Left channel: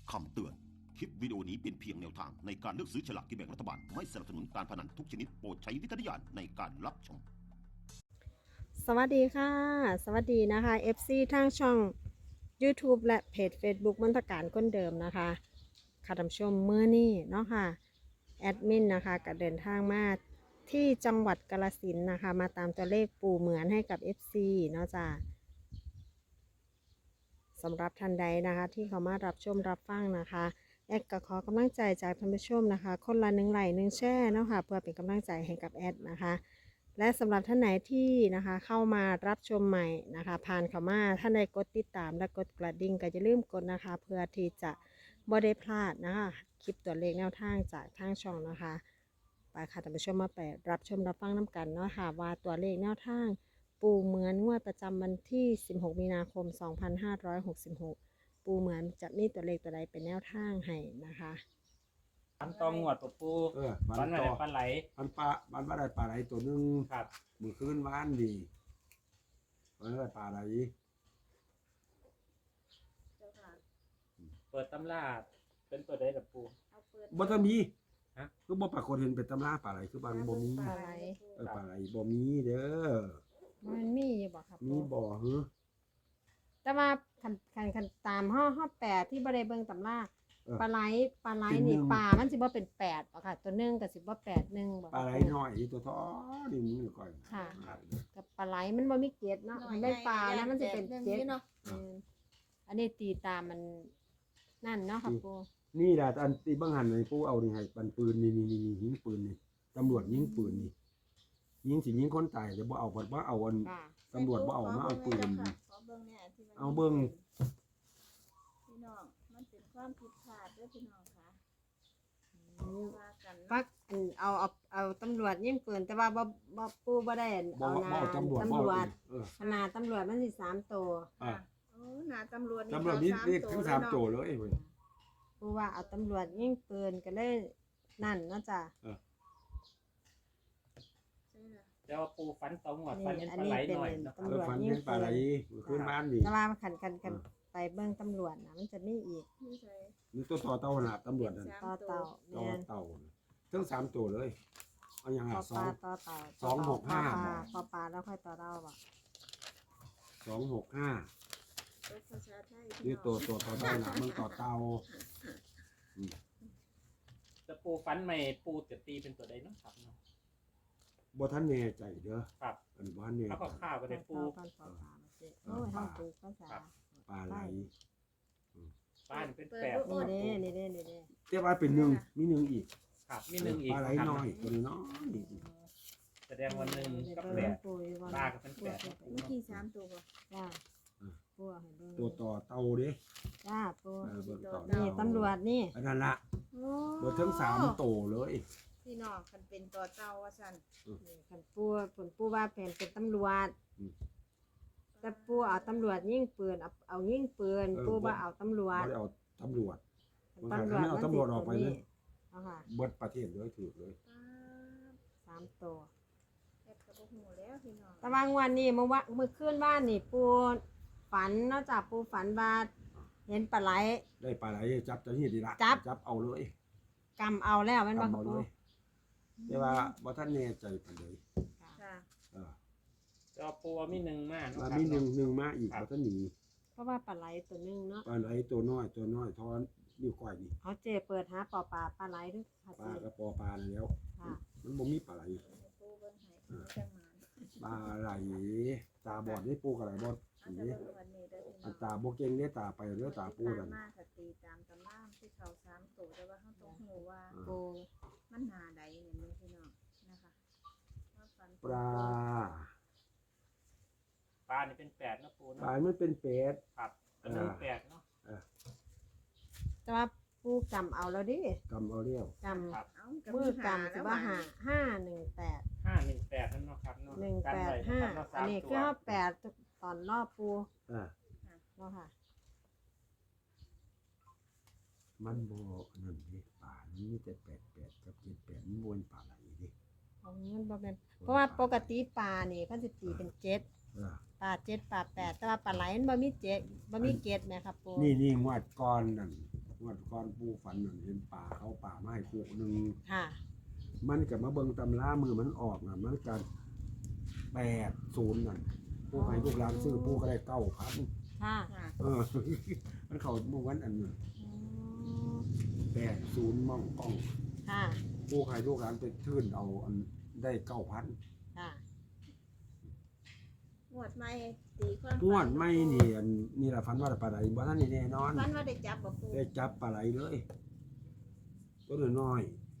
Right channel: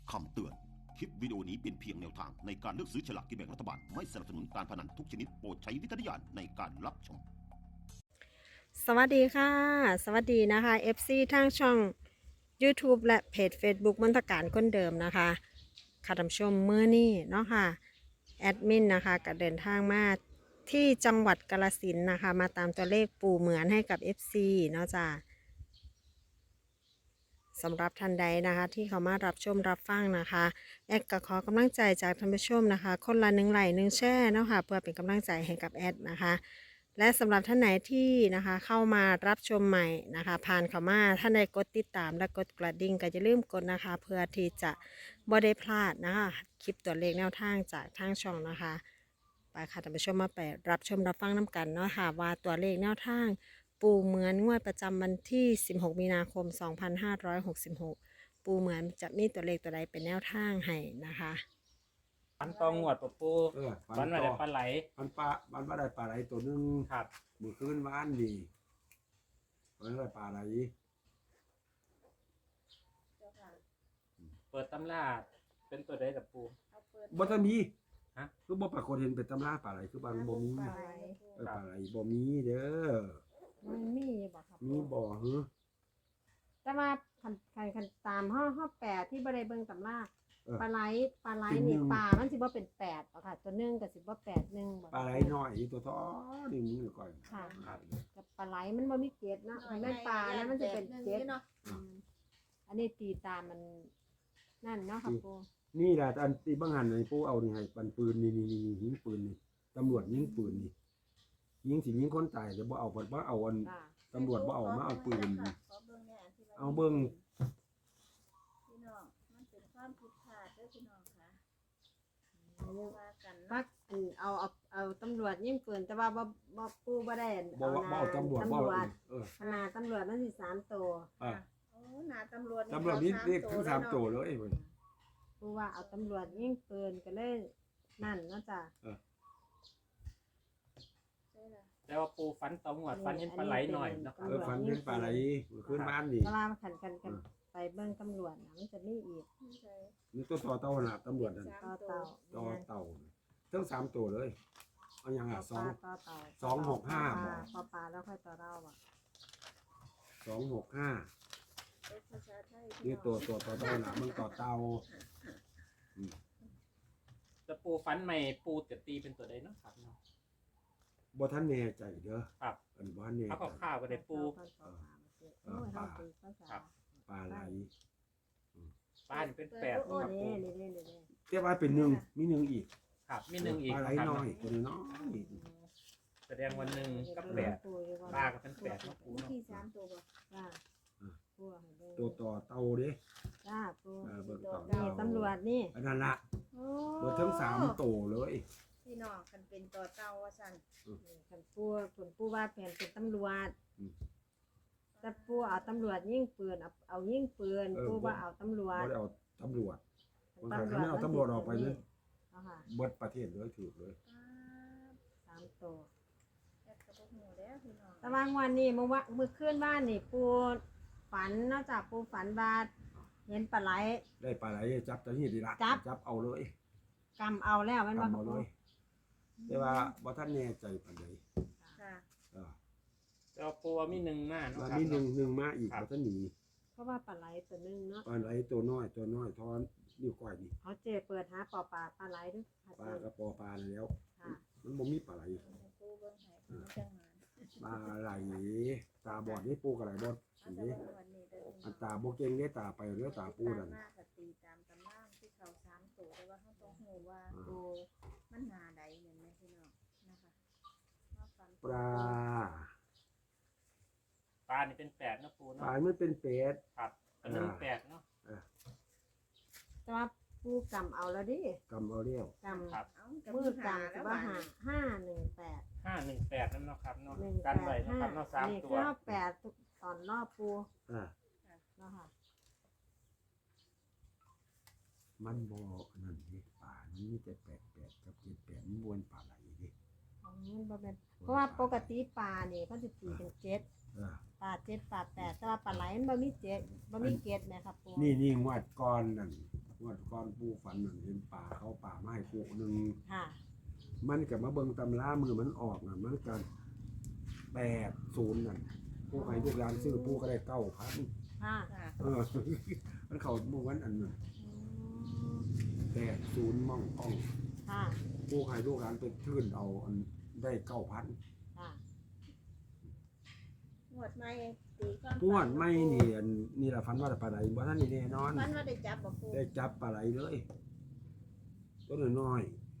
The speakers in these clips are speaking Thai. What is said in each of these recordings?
คำเตือน คลิปวิดีโอนี้เป็นเพียงแนวทางในการเลือกซื้อฉลากกินแบ่งรัฐบาล ไม่สนับสนุนการพนันทุกชนิดโปรดใช้วิจารณญาณในการรับชมสวัสดีค่ะ สวัสดีนะคะ FC ทางช่อง YouTube และเพจ Facebook มนตการคนเดิมนะคะค่ะท่านผู้ชมเมื่อนี้เนาะค่ะแอดมินนะคะก็เดินทางมาที่จังหวัดกาฬสินธุ์นะคะมาตามตัวเลขปู่เหมือนให้กับ FC เนาะจ้ะสำหรับท่านใดนะคะที่เขามารับชมรับฟังนะคะแอดก็ขอกำลังใจจากท่านผู้ชมนะคะคนละ1 ไลค์ 1 แชร์เนาะค่ะเพื่อเป็นกำลังใจให้กับแอดนะคะและสำหรับท่านไหนที่นะคะเข้ามารับชมใหม่นะคะผ่านเข้ามาท่านใดกดติดตามและกดกระดิ่งก็อย่าลืมกดนะคะเพื่อที่จะบ่ได้พลาดนะคะคลิปตัวเลขแนวทางจากทางช่องนะคะไปค่ะท่านผู้ชมมาไปรับชมรับฟังน้ำกันเนาะค่ะว่าตัวเลขแนวทางปูเหมือนงวดประจำวันที่16 มีนาคม 2566 ปูเหมือนจะมีตัวเลขตัวใดเป็นแนวทางให้นะคะฟันตองหวดปะปูฟัฟันนมาต่อได้ปลาไหลมันว่าได้ปลาไหลตัวหนึงครับมือคืนวานดีมันได้ปลาไหลเปิดตำราเป็นตัวใดกับปูบ่ทันมีฮะคือบ่ปรากฏเห็นเป็นตำราปลาไหลคือบางบ่มีปลาไหลปลาไหลบ่มีเด้อมันมีอยู่บ่ครับมีบ่ฮึแต่ว่าคันตามห้อแปดที่บริเบิงตำราปลาไหลนี่ปลามันสิบ่เป็น8บ่ค่ะ ตัวหนึงก็สิบ่81บ่ปลาไหลน้อยตัวท้อนี่มือก่อนค่ะกับปลาไหลมันบ่มีเกล็ดเนาะมันได้ปลาแล้วมันสิเป็นเกล็ดอันนี้ตีตามมันนั่นเนาะค่ะปูนี่แหละอันที่บางหันนี่ผู้เอานี่ให้ปันปืนนี่ยิงปืนนี่ตำรวจยิงปืนนี่ยิงสิยิงคนตายแต่บ่เอาบ่เอาอันค่ะตำรวจบ่เอามาเอาปืนขอเบิ่งเนี่ยที่ว่าเอาเบิ่งพี่น้องมันเป็นความผิดพลาดเด้อพี่น้องค่ะว่ากันปักเอาตำรวจยิงปืนแต่ว่าบ่ปูบ่ได้บ่เอาตำรวจบ่เอาขนาดตำรวจมันสิ3ตัวอ่าโอ้หน้าตำรวจตำรวจนี่เรียกทั้ง3โจเลยเว้ยปูว่าเอาตำรวจยิงปืนก็เลยนั่นเนาะจ้ะใช่ล่ะแล้วว่าปูฟันตองหวดฟันเห็นปลาไหลหน่อยเนาะครับฝันเห็นปลาไหลขึ้นบ้านนี่แต่ว่าคันไปเบิ่งตำรวจนะมันจะมีอีกนี่ใช่นี่ตัวต่อเต่าหนาตำรวจนั่นสามต่อตัวเต่าต่อเต่าทั้ง3ตัวเลยเอาอย่างต่อ่ะอปลาต่อเต่า 265บ่ต่อปลาแล้วค่อยต่อเต่าบ่ 265 เป็นภาษาไทยนี่ตัวต่อเต่าหนามันต่อเต่าจะปูฟันใหม่ปูจะตีเป็นตัวใดเนาะครับเนาะบ่ทันแน่ใจเด้อครับอันบ่ทันแน่เอาใจข้าวไปได้ปูปลาไหลป้านเป็นแปดโอ้เนาะนี่ปูนี่แต่ว่าเป็นหนึ่งมีหนึ่งอีกครับมีหนึ่งอีกปลาไหลครับน้อยตัวน้อยแสดงว่าหนึ่งกับแปดปลาก็เป็นแปดเนาะปูมีเนาะที่สามตัวบ่จ้าปูให้เบิ่งตัวต่อเต่าเด้จ้าปูเบิ่งต่อนี่เต่าตำรวจนี่อันนั้นละโอ้เบิดทั้ง3ตัวเลยพี่น้องคันเป็นต่อเต่าว่าซั่นคันปูว่าเป็นตำรวจแต่ปูเอาตำรวจยิงปืนเอายิงปืนปูว่าเอาตำรวจบ่ได้เอาตำรวจ บางครั้งถ้าไม่เอาตำรวจออกไปนั้นเอาค่ะเบิดประเทศเลยถูกเลย 3ตัวแอบกระบอกหูแล้วพี่น้องแต่บางวันนี่เมื่อคืนบ้านนี่ปูฝันนอกจากปูฝันว่าเห็นปลาไหลได้ปลาไหลจับจะนี่ดีละจับเอาเลยกำเอาแล้วมันทำเอาเลย แต่ว่าบ่ทันแน่ใจปานใดค่ะเออจะปูว่ามีหนึ่งมากเนาะมาครับมีหนึ่งมาอีกบ่ทันหนีเพราะว่าปลาไหลตัวหนึงเนาะปลาไหลตัวน้อยทอนนิ้วก้อยนี่เขาเจเปิดหาปลาไหลด้วยค่ะปลากระปอปลาแล้วค่ะมันบ่มีปลาไหลปูเบิ่งให้พี่จังหมาปลาไหลตาบอดนี่ปูกระไหลบอดเอานี่แต่ว่าวันนี้เด้อพี่น้อัอน งตาบ่เก่งเด้ตาไปเด้อตาปูนั่นมากกับตีตามตำราที่เขาสามตัวแต่ว่าเขาต้องหูว่าปูมันหาใดเหมือนไม่พี่น้องนะคะว่าฟันปลาปลานี่เป็นแปดเนาะปูปเนาะลามันเป็นเป็ดครับอันหนึ่งแปดเนาะแต่ว่าปูกำเอาแล้วดิกำเอาเรียวกำครับเอากับมืมืออกำแล้จะวว่าว่า 518 518นั่นเนาะครับเนาะกันไว้นะครับเนาะ 185 สาอันมนี้ตัคืวอ8ตอนรอบปูอ่าเนาะค่ะมันบ่นั่นเด้ปลามันมีแต่88กับ78มันบ่เป็นปลาไหลเด้มันบ่เป็นเพราะว่าปกติปลานี่เขาสิตีเป็น7 อ่าปลา7ปลา8แต่ว่าปลาไหลมันบ่มี7บ่มีเกล็ดแม่ครับปูนี่งวดก่อนนั่นงวดก่อนปูฝันนั่นเห็นป่าเขาป่ามาให้คู่หนึงค่ะมันก็มาเบิ่งตำรามือมันออกน่ะมันก็80นั่นผู้ให้ลูกหลานซื้อผู้ก็ได้9,000 ค่ะค่ะมันเข้าเมื่อวันอันนั้น80ม่องกล้องค่ะผู้ให้ลูกหลานไปทื่นเอาอันได้9,000 ค่ะงวดใหม่ตีความงวดไม่นี่อันนี่ล่ะฝันว่าปลาไหลบ่ทันได้แน่นอนฝันว่าได้จับบ่ปูได้จับปลาไหลเลยตัวน้อย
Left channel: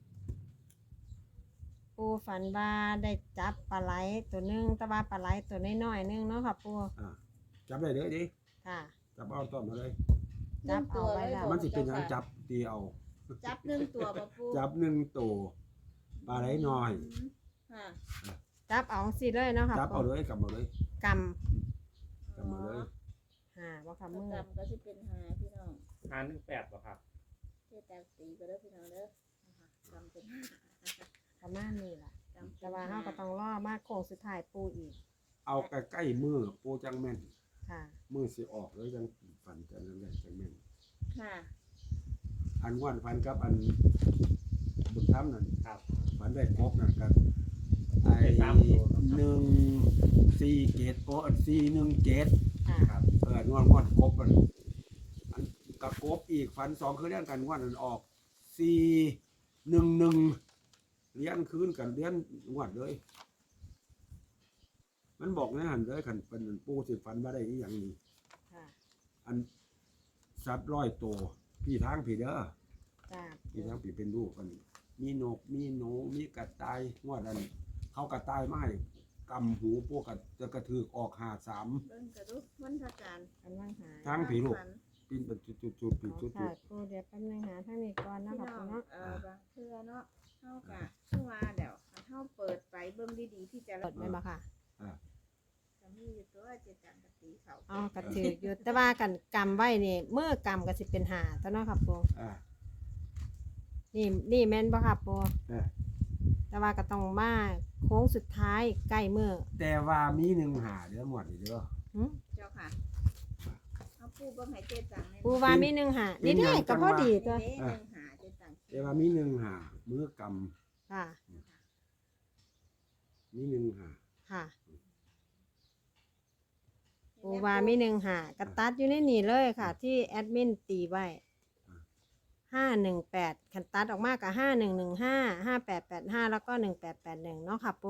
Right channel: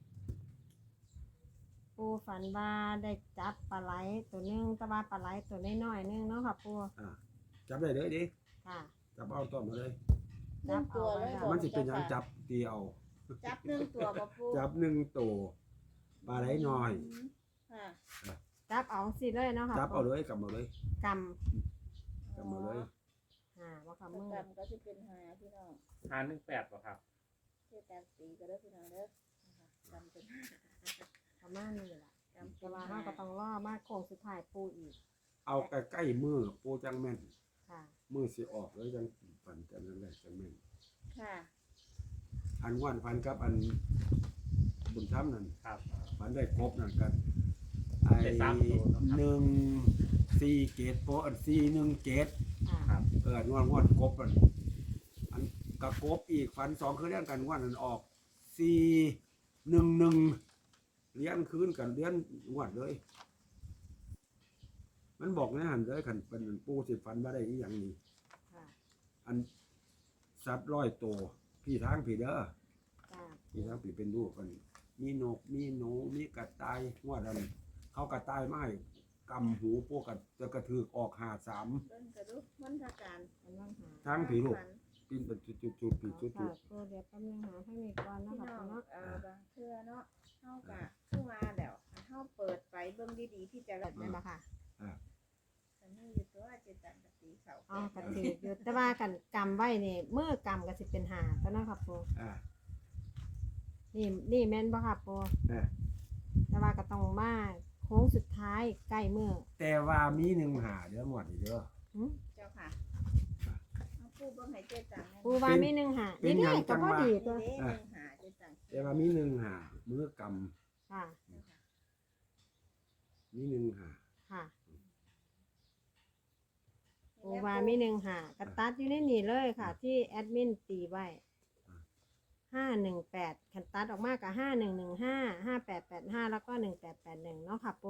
ปูฝันว่าได้จับปลาไหลตัวหนึงแต่ว่าปลาไหลตัวน้อยๆนึงเนาะค่ะปูจับได้เลยดิค่ะจับเอาต้อมมาเลยจับตัวเลยบ่มันสิเป็นหยังจับตีเอาจับหนึ่งตัวบ่ปูจับ1ตัวปลาไหลน้อยค่ะจับเอาสิเลยเนาะค่ะจับเอาเลยกำเอาเลยกกำเอาเลยำค่ะว่าค่ะมืมืออกำก็สิเป็นหาพี่น้อง 518บ่ครับเจ๊แตงตีก็เด้อพี่น้องเด้อนะคะกำเป็นหาประมาณนี้แหละกำแต่ว่าเราก็ต้องรอมาโค้งสุดท้ายปูอีกเอาใกล้ๆมือปูจังแม่นค่ะมือสิออกแล้วจังฝันจังนั้นแหละจังแม่นค่ะอันวันฝันกับอันบุญธรรมนั่นครับฝันได้ครบนั่นกันไอ้ได้3ตัวครับ 1 4 เกตโปอัน4 1 7 ค่ะครับงวดครบอันกะครบอีกฝัน2คือเรื่องกันงวดนั้นออก4 1 1เลี้ยนคืนกันเลี้ยนงวดเลย มันบอกในหันเลยคันเป็นอันปูสิฝันว่าได้อีหยังนี้ค่ะอันสัตว์100ตัวพี่ทางพี่เด้อจ้าพี่ทางพี่เป็นลูกกันมีนกมีหนูมีกระต่ายงวดนั้นเขากระต่ายมาให้กำหูพวกจะกระถือออก53 เบิ่งกระดูกมันทาการอันว่างหาทางผีลูกปิ้นเป็นจุดๆๆจุดค่ะปูเดี๋ยวแป๊บนึงหาท่านอีกก่อนเนาะพี่ค่ะน้องปูเนาะบางเทื่อเนาะเฮากะคือว่าแล้วอันเฮาเปิดไปเบิ่งดีๆพี่จะเปิดได้บ่ค่ะก็มีอยู่ตัวเจ๊ตังกับตีเขาเอากระถืออยู่แต่ว่ากันกำไว้นี่เมื่อกำก็สิเป็นหาตัวเนาะค่ะปู นี่แม่นบ่ค่ะปูๆแต่ว่าก็ต้องมาโค้งสุดท้ายใกล้มือแต่ว่ามี1หาเด้อหมดนี่เด้อหึเจ้าค่ะเอาปูเบิ่งให้เจ๊ตังแน่ปูว่ามีหนึ่งหาเป็นนี่หยังก็จังพอวะดีตัวนี่เด้หนึ่งหาเจ๊ตังแต่ว่ามี1หามือกค่ะำมี1หาค่ะปูว่ามีหนึ่งหากระตัดอยู่ในนี่เลยค่ะ ที่แอดมินตีไว้518คันตัดออกมากับ5115 5885แล้วก็1881เนาะค่ะปู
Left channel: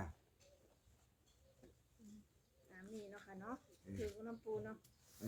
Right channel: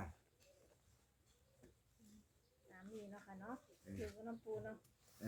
ตามนี้เนาะค่ะเนาะถือว่าน้ำปูเนาะ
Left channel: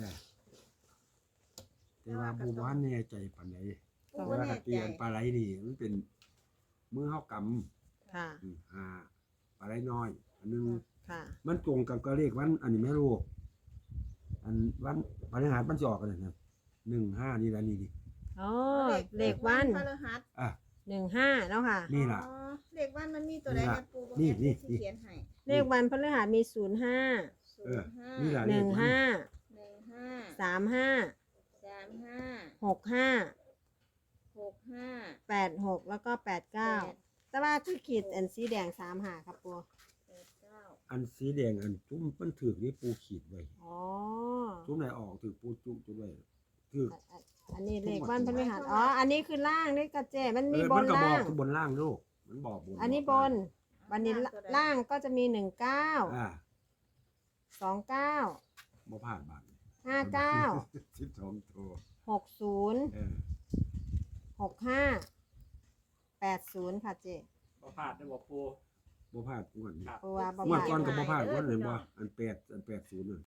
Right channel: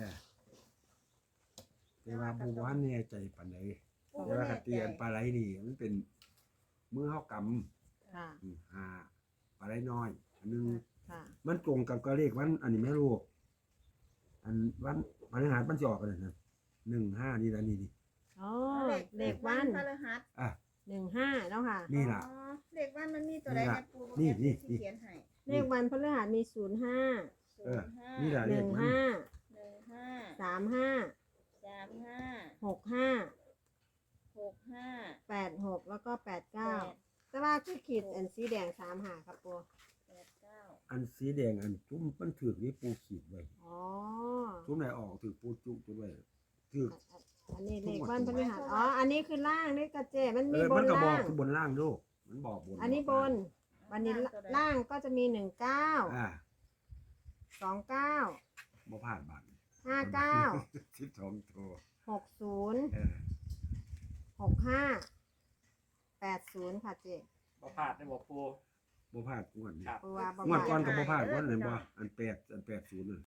แต่ว่าบ่ว่าแน่ใจปานใดปูแต่บ่ว่าแน่กะใจเตียนปลาไหลนี่มันเป็นมือเฮากค่ะำหาปลาไหลน้อย อันนึงค่ะมันตรงกับก็เลขวันอันนี้แม่ลูกอันวันพฤหัสมันสิออกกันนั่น15นี่ล่ะนี่ดิอ๋อเลขวันพฤหัส 15เนาะค่ะนี่ล่ะอ๋อเลขวันมันมีตัวใดนี่ล่ะเนี่ยปูบ่นี่แม่นนี่สิเขียนให้เลขวันพฤหัสมี05 05 นี่ล่ะเลขมัน 15 15 35 35 65 65 86แล้วก็89แต่ว่าคือขีดอันสีแดง3หาครับปู 89 อันสีแดงอันจุ้มมันถูกนี่ปูขีดไว้อ๋อจุ้มไหนออกถูกปูจุไว้ถูกอันนี้เลขวันพฤหัสอ๋อ อันนี้คือล่างนี่กระเจมันมีบมันนก็บอล่าก งคือบนล่างลูกมันบอกบนอันนี้บน วันนี้ล่างก็จะมี19 29 บ่พลาดบาท 59 12ตัว 60 65 80ค่ะเจบ่พลาดได้บ่ปูบ่พลาดงวดนี้ครับปูว่าบ่งวดพก่อลาน ดก็บ่พลาดงวดนั้นบ่อัน80นั่น